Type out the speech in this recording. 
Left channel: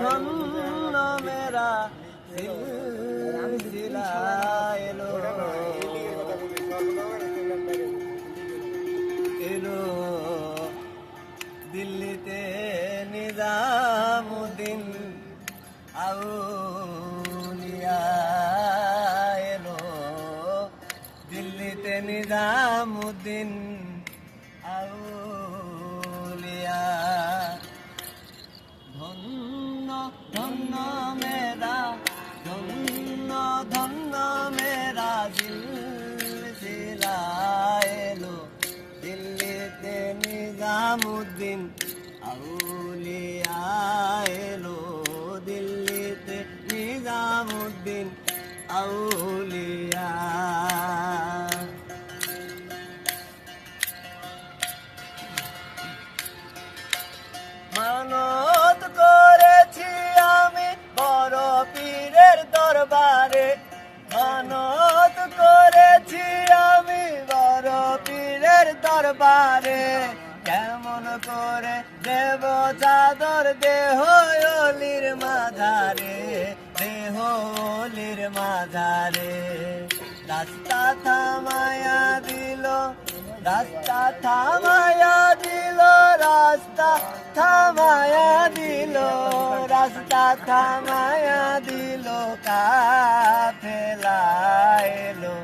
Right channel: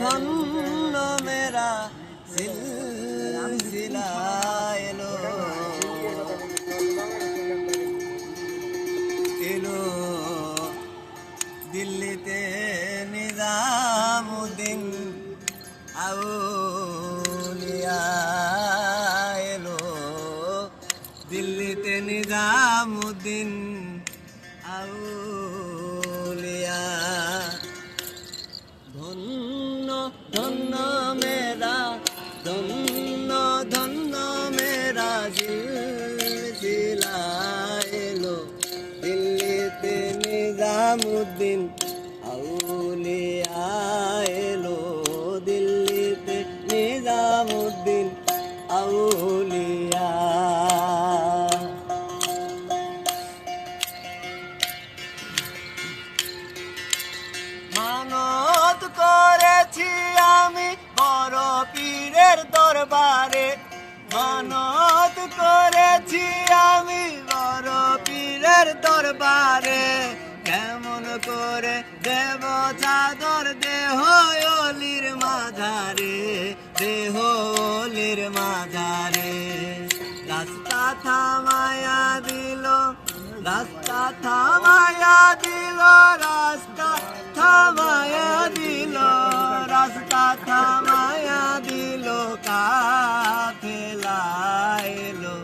ধন্য মেরা সিলসিলা এলো এলো দিল্লিতে নিজামুদ্দিন আউলিয়া এলো দিল্লিতে নিজামুদ্দিন আউলিয়া ধন্য ধন্য মেরা ধন্য ধন্য মেরা সিলসিলা এলো দিল্লিতে নিজামুদ্দিন আউলিয়া এলো দিল্লিতে নিজামুদ্দিন আউলিয়া মানত করেছি আমি বড় পীরের দরবারে মানত করেছি আমি বড় পীরের দরবারে কেমন করে দেব চাদর দেহ অলির মাঝারে দেহ অলির মাঝারে রাস্তা থামায়া দিল রাস্তা থামায়া দিল রাস্তা থামায়া দিল রাস্তা থামায়া দিল কাফেলা এলো।